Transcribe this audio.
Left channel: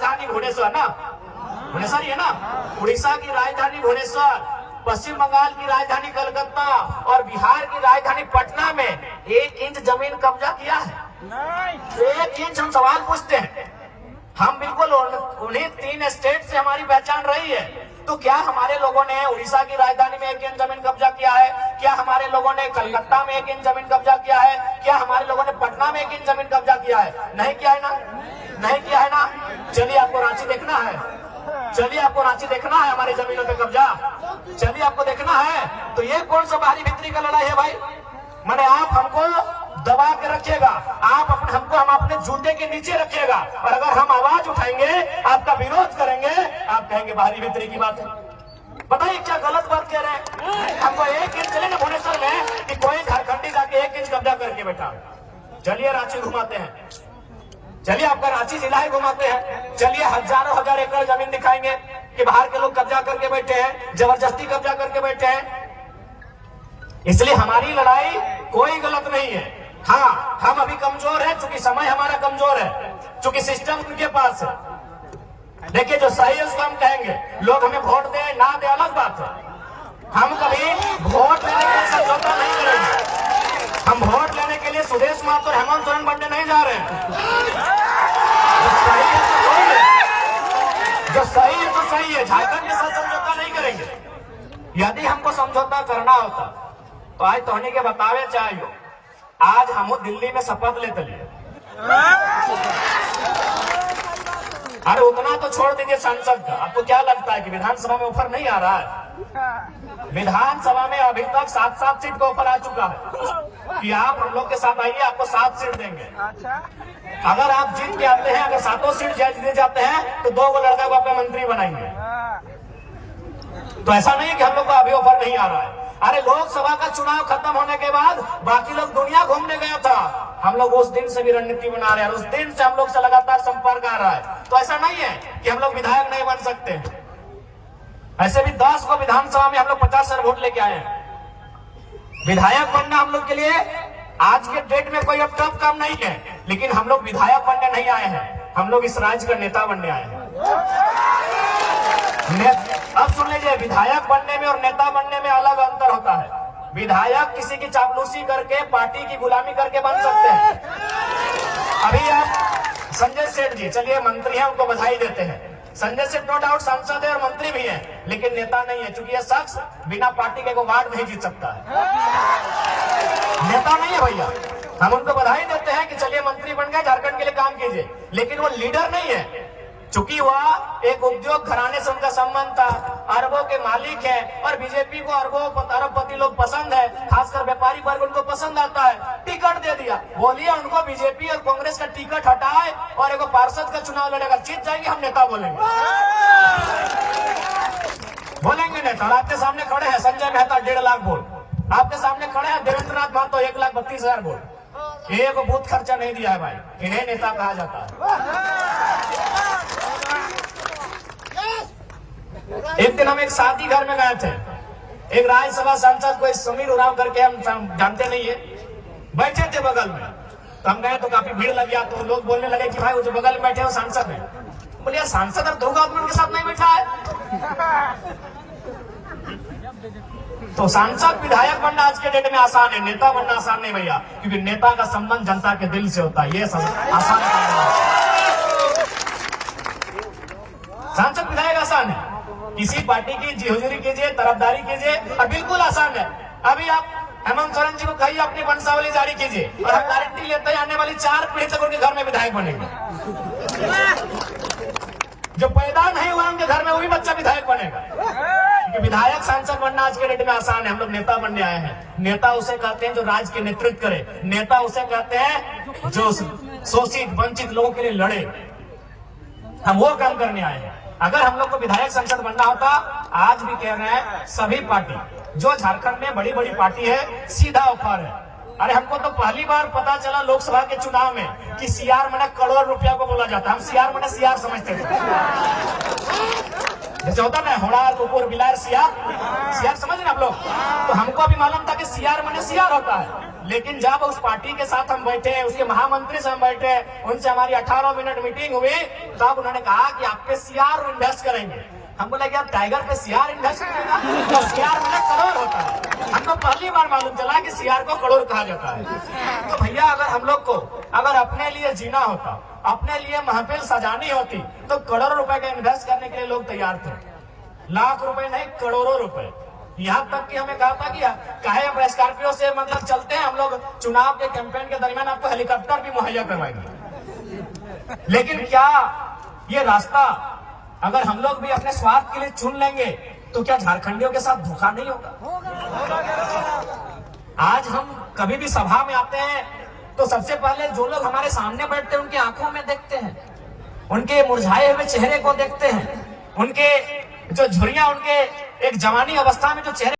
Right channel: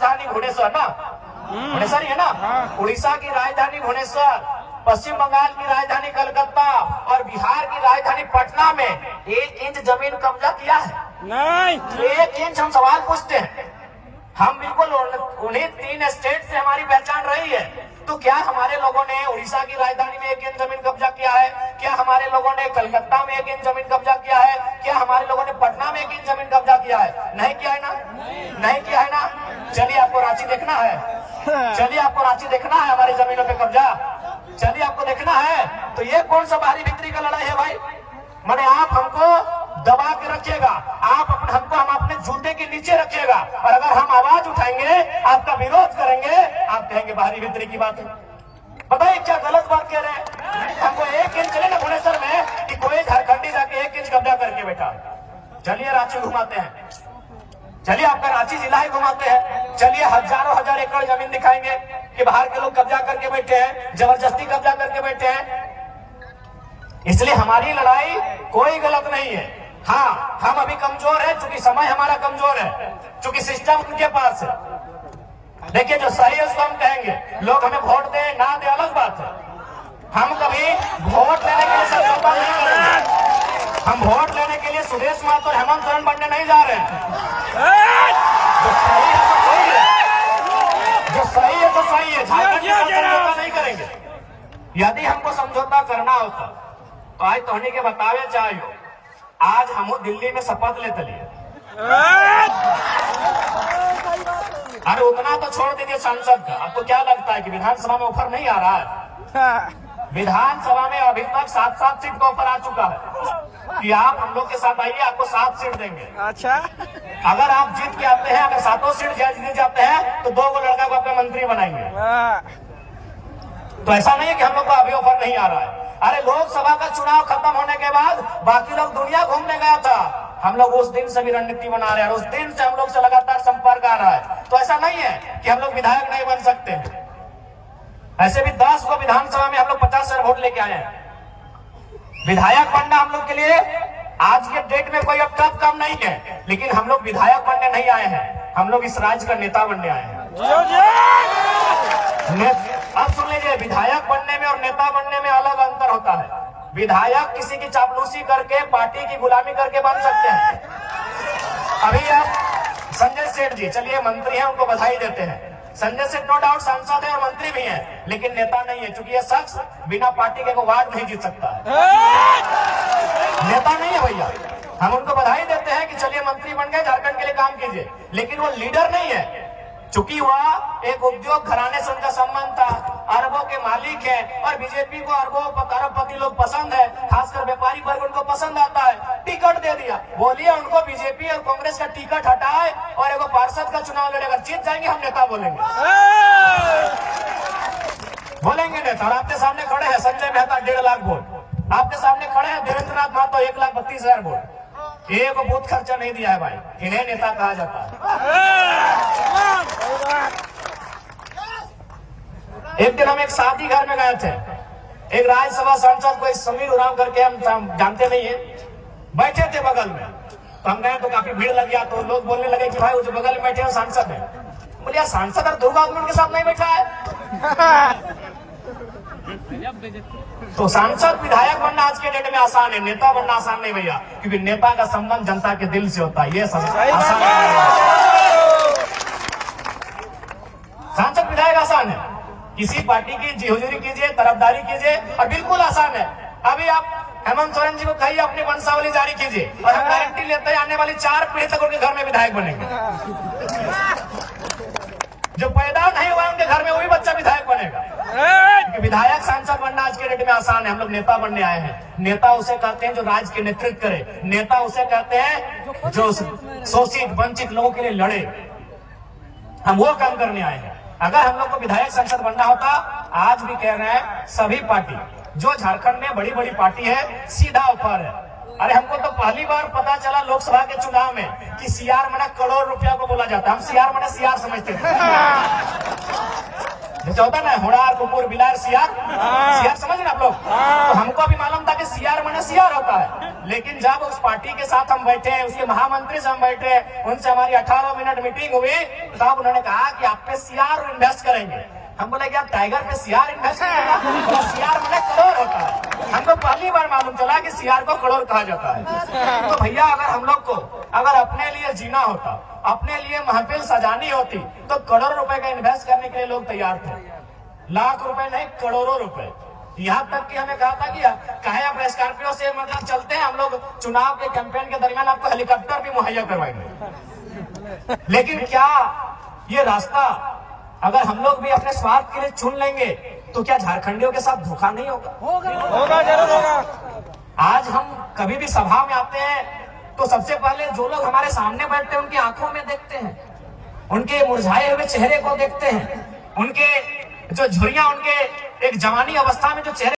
राजधानी भुवनेश्वर ना, भुवनेश्वर ही है ना। उड़ीसा की राजधानी भुवनेश्वर, पश्चिम बंगाल की राजधानी कलकत्ता और बिहार की राजधानी पटना में 1 इंच जमीन कब्जा किया है? नहीं। 1 इंच। हम सवाल पूछते हैं, हम बिल्कुल उन्हीं 3 स्टेट से हमारी पहचान रही है, तो क्या हमारे लोगों ने उड़ीसा की राजधानी में 1 इंच जमीन कब्जा किया है? क्या हमारे लोगों ने कलकत्ता में 1 इंच जमीन कब्जा किया है? क्या हमारे लोगों ने पटना में 1 इंच जमीन कब्जा किया है? नहीं किया है ना, नहीं किया है ना। चलिए आपको रांची देखना है, चलिए आपको रांची देखना है, हमारी जमीनों पे कब्जा, चलिए आपको देखना है। तो ये कौन सा बाहरी भीतरी का लड़ाई है भाई? मैंने आप हमको दबा के रखिएगा, हमको हम अपने जूते के नीचे रखिएगा, और अगर हम आवाज उठाएंगे, आपका विरोध करेंगे, आप कहेंगे बाहरी भीतरी की बात है। बताइए क्या गलत बात कह रहे हैं? हमको 1 इंच चले ना भुवनेश्वर में कि कोई झारखंडी जाके 1 इंच कब्जा करके बैठा है। चलिए रांची घुमाते हैं, चलिए आपका रांची जिला ही घुमाते हैं, चलिए हजारों हजार एकड़ जमीन दिखाएंगे कि बाहर के लोग कब्जा करके बैठे हैं, जबरदस्ती कब्जा करके बैठे हैं। इसलिए हमारी लड़ाई कोई गलत नहीं है। हाँ, हम अभी कमजोर है, चूंकि समय हमारा कमजोर है, चूंकि सिस्टम उनके पास है। देखिए जो सही है उसको हम कहेंगे, लोग हमें वोट दे ना दे अलग बात है। हम कभी वोट लेने के लिए समझौता नहीं करेंगे। हम वोट लेने के लिए सुदेश महतो और हेमंत सोरेन बनने नहीं जा रहे हैं। जो सही है तो सही है, जो सही है तो सही है। झारखंड के साथ समझौता नहीं करेंगे। यदि हमको समझौता करना होता तो आज तोहनी के बतावे चाहिए, आज हम दिल्ली में शपथ लेते लिए। अरे उतना तो छोड़ दीजिए संसद का, आपको क्या लगता है कि विधानसभा में ऑफर नहीं आ रहा है? विधानसभा में अभी तक 7-7 सीट का ऑफर आ चुका है कि आप हम लोग के साथ आइए, आपको 7 सीट देंगे। अच्छा, अगर आप जीत के आते हैं, अगर 7 सीट जीत जाते हैं तो 2 लड़का को आपका मंत्री बनाएंगे। तो ऐसा नहीं है कि हम लोग को अभी ऑफर नहीं आ रहा है। अरे लोकसभा का चुनाव खत्म होने के बाद बाकी लोग दुनिया घूमने गया था, हम लोग उस दिन से भी रणनीति बना रहे हैं, उस दिन से हम लोग से लगातार संपर्क आ रहा है। तो ऐसा नहीं है कि हम लोग विधायक नहीं बन सकते। ऐसे भी 10 को विधानसभा में हम लोग 50 वोट लेके आए हैं। विधायक बनना हम लोग के लिए आज के डेट में कोई अब टफ काम नहीं है, लेकिन हम लोग विधायक बनने नहीं आए हैं, हम लोग इस राज्य का नेता बनने आए हैं। अब सुन लीजिए, विधायक बनने में और नेता बनने में अलग अंतर होता है। विधायक किसी की चापलूसी करके, पार्टी की गुलामी करके बन सकते हैं। अभी आप संजय सेठ जी, चलिए मंत्री हैं, उनको बधाई देते हैं। संजय सेठ नो डाउट सांसद है और मंत्री भी हैं, लेकिन नेता नहीं है, क्योंकि ये शख्स बिना पार्टी के वार्ड नहीं जीत सकता है। नेता नहीं है भैया। हम उनको बधाई देते हैं कि चलिए मंत्री बन गए, झारखंड के लिए काम कीजिए, लेकिन वो लीडर नहीं है। चूंकि वह एक उद्योग घराने से उनका संबंध था, अरबों के मालिक है, और बीजेपी को अरबपति लोग पसंद है, खासकर व्यापारी वर्ग उनको पसंद आता है। टिकट दे दिया, बोलिए उनको बीजेपी और कांग्रेस का टिकट हटाए और एक पार्षद का चुनाव लड़ेगा, जीत जाएंगे, हम नेता बोलेंगे। बोलेंगे नेता। और आपके सामने खड़े हैं संजय मेहता 1.5 लाख वोट, आपके सामने खड़े हैं देवेंद्र नाथ महतो 1,32,000 वोट। एक बूथ खर्चा नहीं दिया है भाई, इन्हें नेता कहा जाता है। एक दिन हम एक शादी घर में गए थे, एक राज्यसभा सांसद कोई समीर उरांव करके, हम जानते नहीं है, बैठे थे बगल में। तो हम गए तो काफी भीड़ लग गया, तो लोग बोलने लगे कि भाई वो जो बगल में बैठे हैं सांसद है। बोले यार सांसद और 2 गवर्नमेंट के साथ नहीं बैठा है। तो सांसद विधायक बनना आज के डेट में आसान है, नेता बनना आसान नहीं भैया, क्योंकि नेता का संबंध जनता के दिल से होता है, ये आसान है। सांसद विधायक आसान है, किसी पार्टी की हुजूरी कीजिए, तरफदारी कीजिए, और बिल्कुल आसान है। अभी आप हेमंत सोरेन जी को कहिए अपनी वंशावली जारी कीजिए, और हम गारंटी लेते हैं आने वाली 4 पीढ़ी तक उनके घर में विधायक बनेंगे। जो पैदा नहीं हुआ उनके घर में वही बच्चा विधायक बनेगा। क्योंकि विधायक सांसद बनना आज के डेट में आसान है, हम लोग नेता बनने आए हैं। नेता उसे कहते हैं जो राज्य के नेतृत्व करे, नेता उसे कहते हैं जो शोषित वंचित लोगों के लिए लड़े। हम वो काम करने आए हैं। अगर हम लोग को विधायक सांसद बनना होता, आज भी कह रहे हैं सभी पार्टी जो झारखंड में बड़ी बड़ी पार्टी है, सीधा ऑफर है। अरे हमको तो पहली बार पता चला लोकसभा के चुनाव में कि सीआर मने करोड़ रुपया को बोला जाता है। हम सीआर मने सीआर समझते थे, जैसे होता ना होड़ार कुकुर बिलार सीआर, सीआर समझ ना आप लोग। तो हमको भी मालूम था कि सीआर मने सीआर होता है। लेकिन जब उस पार्टी के साथ हम बैठे, उसके महामंत्री से हम बैठे, उनसे हमारी 18 मिनट मीटिंग हुई, तब उन्होंने कहा कि आप पे सीआर इन्वेस्ट करेंगे। हम बोले कि आप टाइगर पे सीआर इन्वेस्ट करेगा, तो सीआर मतलब करोड़ होता है। हमको पहली बार मालूम चला कि सीआर को करोड़ कहा जाता है। तो भैया अगर हम लोग को अगर अपने लिए जीना होता, अपने लिए महफिल सजानी होती, तो करोड़ों रुपए का इन्वेस्ट करने के लिए लोग तैयार थे। लाख रुपए नहीं, करोड़ों रुपए। यहाँ तक कि हमें कहा था कि काहे आप स्कॉर्पियो से मतलब चलते हैं, हम लोग चुनाव के कैंपेन के दरमियान आपको हेलीकॉप्टर भी मुहैया करवाएंगे। लेकिन क्या ये रास्ता अगर हम लोग भी अपने स्वार्थ के लिए चुन लेंगे तो क्या झारखंडियों के साथ धोखा नहीं होगा? होगा, जरूर होगा। आज हम कभी भी सभा में आते हैं तो सबसे पहले जो लोग हमारे सामने बैठते हैं उनकी आंखों में देखते हैं, उनके मुरझाए हुए चेहरे को देखते हैं, उनके जो झुर्रियां, उनके एक जवानी अवस्था में जो चेहरे